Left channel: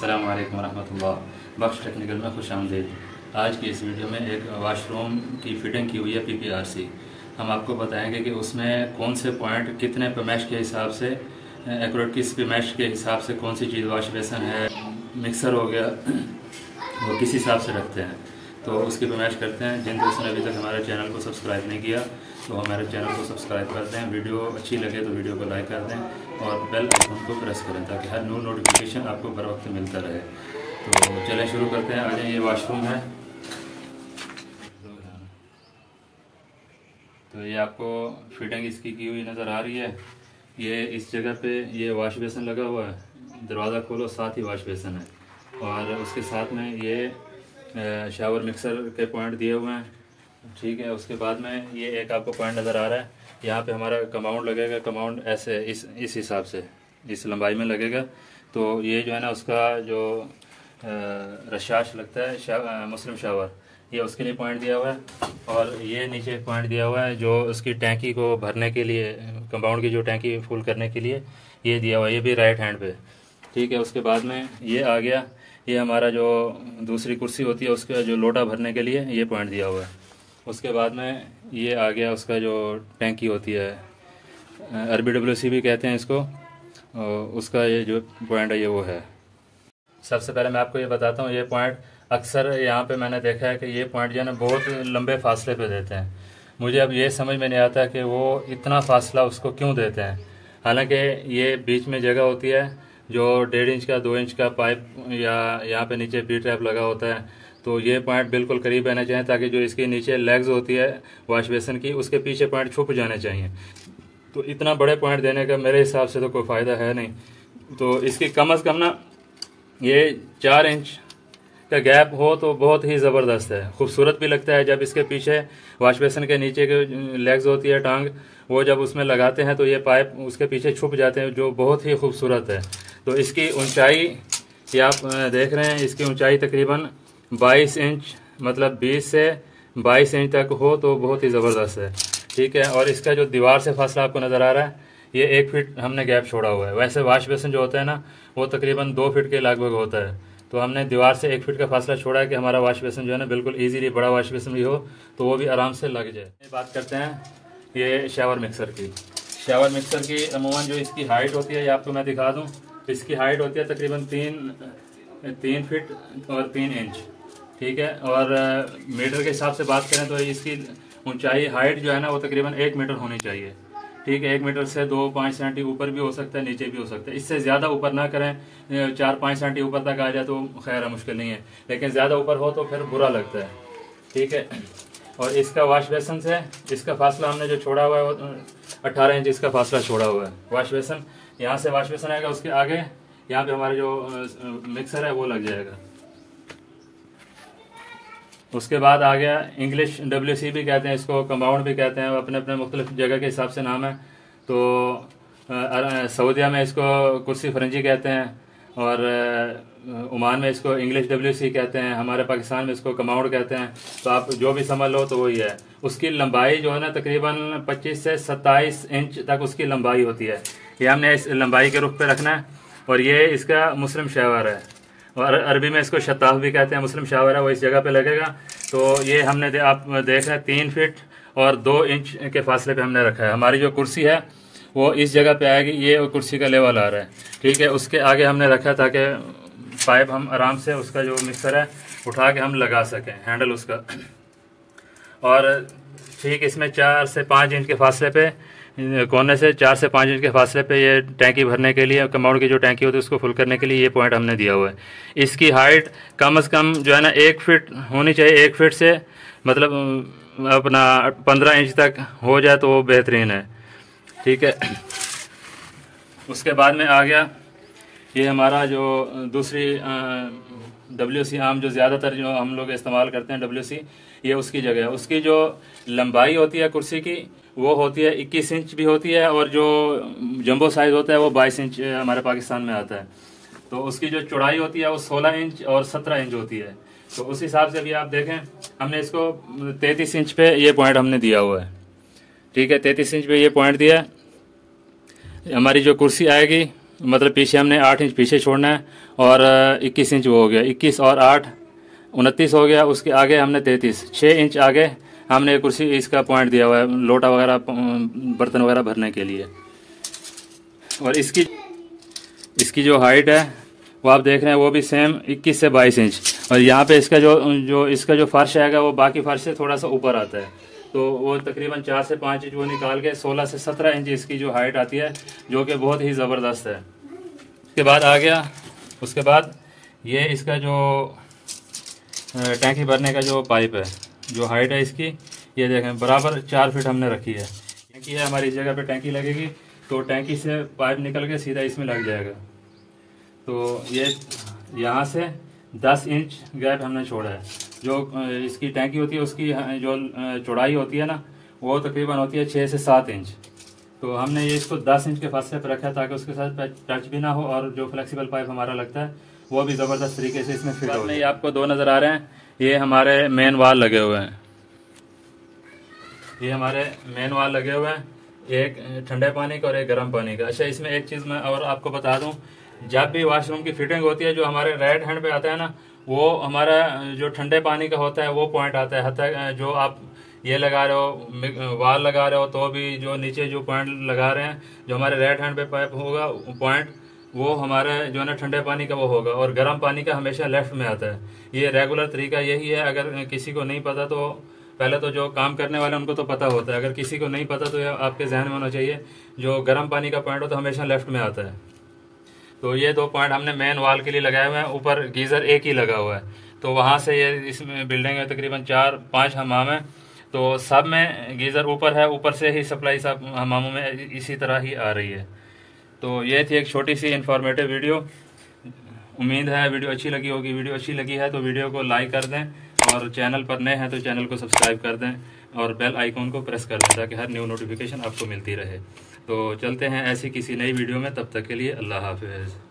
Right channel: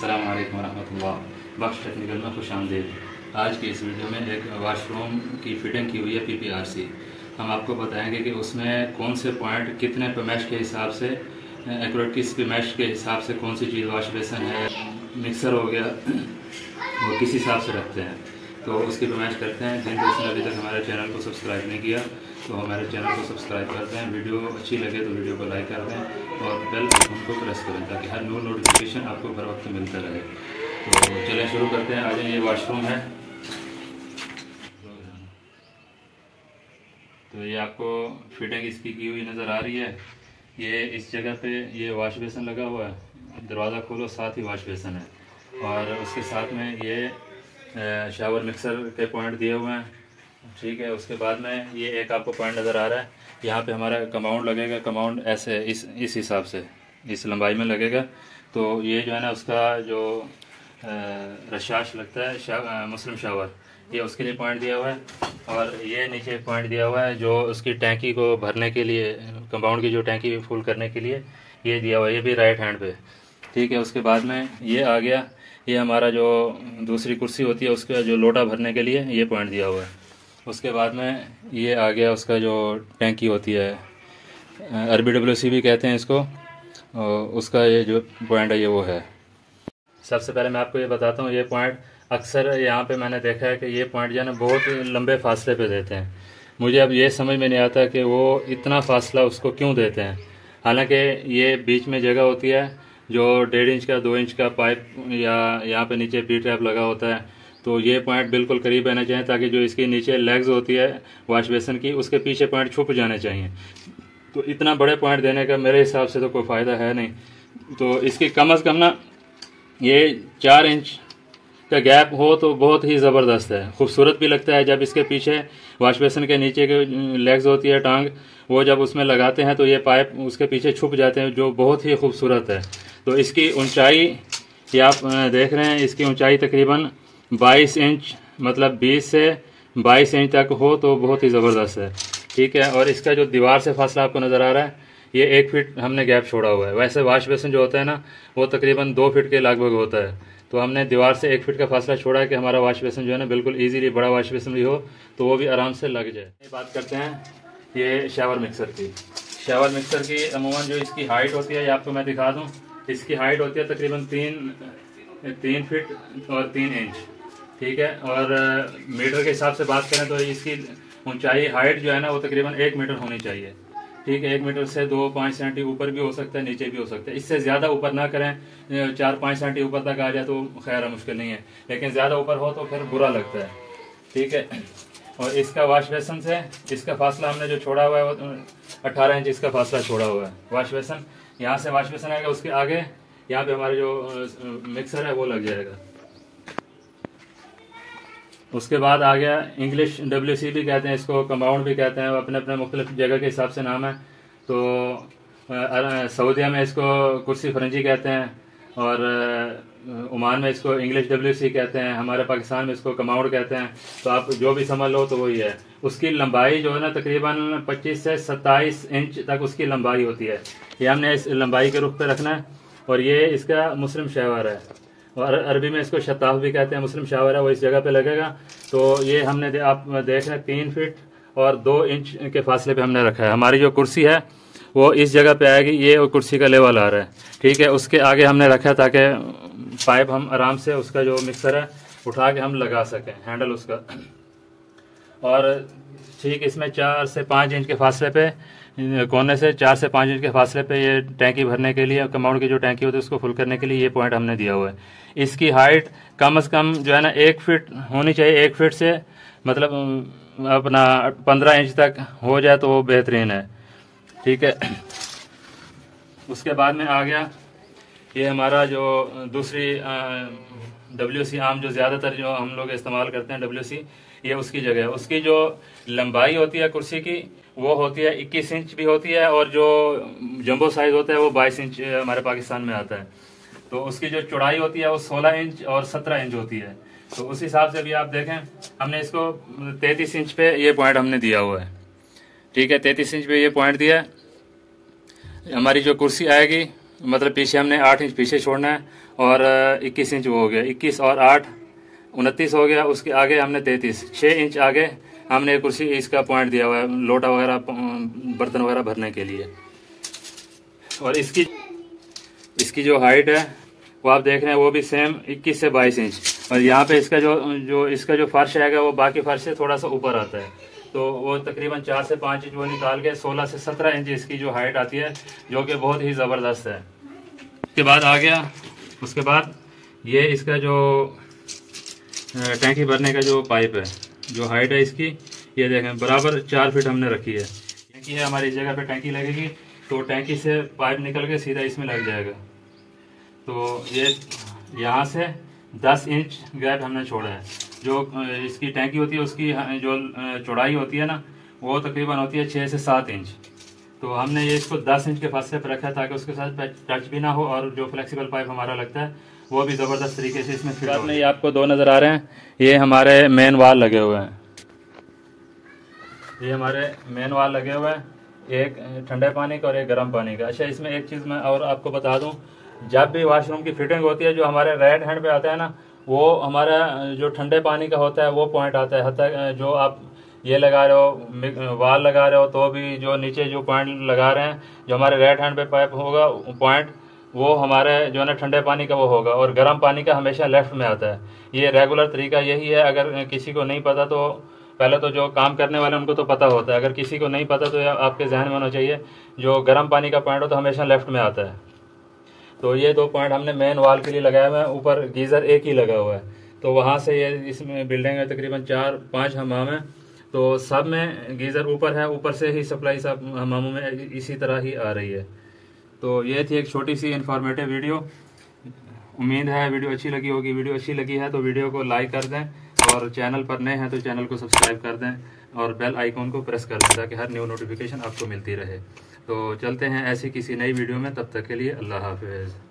अस्सलाम वालेकुम रहमतुल्लाह। बख्श टेक्निकल में खुश आमदीद। आज की इस वीडियो में एक वाशरूम की फिटिंग की हुई है PPRC। हम आपको बताएंगे कि उसमें कौन से पॉइंट कितने पैमाइश के हिसाब से एक्यूरेट किस पैमाइश के हिसाब से कौन सी चीज़ वाश बेसन है, मिक्सर हो गया, वो किस हिसाब से रखते हैं। तो उसकी पैमाइश करते हैं। जिन दोस्तों ने अभी तक हमारे चैनल को सब्सक्राइब नहीं किया तो हमारे चैनल को सब्सक्राइब कर दें। वीडियो अच्छी लगे तो वीडियो को लाइक कर दें और बेल आइकन को प्रेस करें ताकि हर न्यू नोटिफिकेशन आपको बर वक्त मिलता रहे। तो चलें शुरू करते हैं। आ जाए, ये वाशरूम है। तो ये आपको फिटिंग इसकी की हुई नज़र आ रही है। ये इस जगह पे ये वाश बेसन लगा हुआ है। दरवाज़ा खोलो, साथ ही वाश बेसन है और उसके साथ में ये शावर मिक्सर के पॉइंट दिए हुए हैं। ठीक है, उसके बाद में ये एक आपको पॉइंट नज़र आ रहा है। यहाँ पे हमारा कंपाउंड लगेगा। कंपाउंड ऐसे इस हिसाब से इस लंबाई में लगेगा। तो ये जो है ना, उसका जो रशाश लगता है मुस्लिम शावर, ये उसके लिए पॉइंट दिया हुआ है। और ये नीचे पॉइंट दिया हुआ है जो उसकी टैंकी को भरने के लिए, कंपाउंड की जो टैंकी फुल करने के लिए ये दिया हुआ है। ये भी राइट हैंड पे। ठीक है, उसके बाद में ये आ गया, ये हमारा जो दूसरी कुर्सी होती है उसका जो लोटा भरने के लिए ये पॉइंट दिया हुआ है। उसके बाद में ये आ गया उसका जो टैंकी होती है, RBWC भी कहते हैं इसको, उसका ये जो पॉइंट है ये वो है। सबसे पहले मैं आपको ये बताता हूँ, ये पॉइंट अक्सर यहाँ पे मैंने देखा है कि ये पॉइंट जो है ना बहुत लंबे फासले पे देते हैं। मुझे अब ये समझ में नहीं आता कि वो इतना फासला उसको क्यों देते हैं। हालांकि ये बीच में जगह होती है जो 1.5 इंच का 2 इंच का पाइप या यहाँ पे नीचे पी ट्रैप लगा होता है। तो ये पॉइंट बिल्कुल करीब रहना चाहिए ताकि जो इसकी नीचे लेग्स होती है वाश बेसन की, उसके पीछे पॉइंट छुप जाने चाहिए। तो इतना बड़े पॉइंट देने का मेरे हिसाब से तो कोई फ़ायदा है नहीं। तो इसकी कम अज़ कम ना ये 4 इंच का गैप हो तो बहुत ही ज़बरदस्त है। खूबसूरत भी लगता है जब इसके पीछे वाश बेसन के नीचे के लेग्स होती है टांग, वो जब उसमें लगाते हैं तो ये पाइप उसके पीछे छुप जाते हैं, जो बहुत ही खूबसूरत है। तो इसकी ऊंचाई ये आप देख रहे हैं, इसकी ऊंचाई तकरीबन 22 इंच, मतलब 20 से 22 इंच तक हो तो बहुत ही ज़बरदस्त है। ठीक है, और इसका जो दीवार से फासला आपको नज़र आ रहा है, ये 1 फीट हमने गैप छोड़ा हुआ है। वैसे वाश बेसन जो होता है ना, वो तकरीबन 2 फीट के लगभग होता है। तो हमने दीवार से 1 फीट का फासला छोड़ा है कि हमारा वाश बेसन जो है ना बिल्कुल ईजीली, बड़ा वाश बेसन भी हो तो वो भी आराम से लग जाए। बात करते हैं ये शावर मिक्सर की। शावर मिक्सर की अमूमन जो इसकी हाइट होती है, ये आपको मैं दिखा दूँ। इसकी हाइट होती है तकरीबन 3 फीट और 3 इंच। ठीक है, और मीटर के हिसाब से बात करें तो इसकी ऊंचाई हाइट जो है ना वो तकरीबन 1 मीटर होनी चाहिए। ठीक है, 1 मीटर से 2-5 सेंटी ऊपर भी हो सकता है, नीचे भी हो सकता है। इससे ज़्यादा ऊपर ना करें, 4-5 सेंटी ऊपर तक आ जाए तो खैर है, मुश्किल नहीं है, लेकिन ज़्यादा ऊपर हो तो फिर बुरा लगता है। ठीक है, और इसका वाश बेसन से इसका फासला हमने जो छोड़ा हुआ है वो 18 इंच इसका फासला छोड़ा हुआ है। वाश बेसन यहाँ से वाश बेसन आएगा, उसके आगे यहाँ पे हमारा जो मिक्सर है वो लग जाएगा। उसके बाद आ गया इंग्लिश WC भी कहते हैं इसको, कंपाउंड भी कहते हैं, अपने अपने मुख्तलिफ जगह के हिसाब से नाम है। तो सऊदिया में इसको कुर्सी फरंजी कहते हैं और ओमान में इसको इंग्लिश WC कहते हैं, हमारे पाकिस्तान में इसको कंपाउंड कहते हैं। तो आप जो भी समझ लो तो वही है। उसकी लंबाई जो है ना तकरीबन 25 से 27 इंच तक उसकी लंबाई होती है। ये हमने इस लंबाई के रुख पे रखना है। और ये इसका मुस्लिम शावर है और अरबी में इसको शताफ भी कहते हैं। मुस्लिम शावर है, वो इस जगह पे लगेगा। तो ये हमने आप देख रहे हैं 3 फीट और 2 इंच के फासले पे हमने रखा है। हमारी जो कुर्सी है वो इस जगह पे आएगी, ये कुर्सी का लेवल आ रहा है। ठीक है, उसके आगे हमने रखा है ताकि पाइप हम आराम से उसका जो मिक्सर है उठा के हम लगा सकें, हैंडल उसका। और ठीक इसमें 4 से 5 इंच के फासले पे, कोने से 4 से 5 इंच के फासले पे ये टैंकी भरने के लिए, कंपाउंड की जो टैंकी होती है उसको फुल करने के लिए ये पॉइंट हमने दिया हुआ है। इसकी हाइट कम से कम जो है ना 1 फीट होनी चाहिए। 1 फीट से मतलब अपना 15 इंच तक हो जाए तो वो बेहतरीन है। ठीक है, उसके बाद में आ गया ये हमारा जो दूसरी WC आम, जो ज़्यादातर जो हम लोग इस्तेमाल करते हैं WC, ये उसकी जगह है। उसकी जो लंबाई होती है कुर्सी की वो होती है 21 इंच भी होती है, और जो जंबो साइज होता है वो 22 इंच हमारे पाकिस्तान में आता है। तो उसकी जो चौड़ाई होती है वो 16 इंच और 17 इंच होती है। तो उस हिसाब से भी आप देखें, हमने इसको 33 इंच पे ये पॉइंट हमने दिया हुआ है। ठीक है, 33 इंच पे ये पॉइंट दिया। हमारी जो कुर्सी आएगी मतलब पीछे हमने 8 इंच पीछे छोड़ना है और 21 इंच वो हो गया, 21 और 8 29 हो गया। उसके आगे हमने 33 6 इंच आगे हमने कुर्सी इसका पॉइंट दिया हुआ है लोटा वगैरह बर्तन वगैरह भरने के लिए। और इसकी जो हाइट है वो आप देख रहे हैं वो भी सेम 21 से 22 इंच। और यहाँ पे इसका जो फर्श आएगा वो बाकी फर्श से थोड़ा सा ऊपर आता है, तो वो तकरीबन 4 से 5 इंच वो निकाल के 16 से 17 इंच इसकी जो हाइट आती है, जो कि बहुत ही ज़बरदस्त है। उसके बाद आ गया, उसके बाद ये इसका जो टैंकी भरने का जो पाइप है, जो हाइट है इसकी ये देखें बराबर 4 फीट हमने रखी है। टैंकी है हमारी, इस जगह पे टैंकी लगेगी तो टैंकी से पाइप निकल के सीधा इसमें लग जाएगा। तो ये यहाँ से 10 इंच गैप हमने छोड़ा है। जो इसकी टैंकी होती है उसकी जो चौड़ाई होती है ना वो तकरीबन होती है 6 से 7 इंच। तो हमने ये इसको 10 इंच के फासले पर रखा है ताकि उसके साथ टच भी ना हो और जो फ्लेक्सिबल पाइप हमारा लगता है वो भी ज़बरदस्त तरीके से इसमें फिट हो। ये आपको 2 नज़र आ रहे हैं, ये हमारे मेन वाल लगे हुए हैं, ये हमारे मेन वाल लगे हुए हैं, एक ठंडे पानी का और एक गर्म पानी का। अच्छा, इसमें एक चीज़ मैं और आपको बता दूं, जब भी वॉशरूम की फिटिंग होती है जो हमारे राइट हैंड पे आता है ना, वो हमारा जो ठंडे पानी का होता है वो पॉइंट आता है। हत्ता जो आप ये लगा रहे हो वाल लगा रहे हो तो भी जो नीचे जो पॉइंट लगा रहे हैं, जो हमारे राइट हैंड पे पाइप होगा पॉइंट वो हमारे जो है ना ठंडे पानी का वो होगा, और गर्म पानी का हमेशा लेफ्ट में आता है। ये रेगुलर तरीका यही है। अगर किसी को नहीं पता तो पहले तो जो काम करने वाले उनको तो पता होता है, अगर किसी को नहीं पता तो आपके जहन में होना चाहिए जो गर्म पानी का पॉइंट हो तो हमेशा लेफ्ट में आता है। तो ये 2 पॉइंट हमने मेन वाल के लिए लगाया हुआ है। ऊपर गीज़र एक ही लगा हुआ है, तो वहाँ से ये इस बिल्डिंग में तकरीबन 4-5 हमाम है, तो सब में गीज़र ऊपर है, ऊपर से ही सप्लाई सब हमामों में इसी तरह ही आ रही है। तो ये थी एक छोटी सी इंफॉर्मेटिव वीडियो। उम्मीद है वीडियो अच्छी लगी होगी। वीडियो अच्छी लगी है तो वीडियो को लाइक कर दें, और चैनल पर नए हैं तो चैनल को सब्सक्राइब कर दें और बेल आइकॉन को प्रेस कर दें ताकि हर न्यू नोटिफिकेशन आपको मिलती रहे। तो चलते हैं ऐसी किसी नई वीडियो में, तब तक के लिए अल्लाह हाफिज़।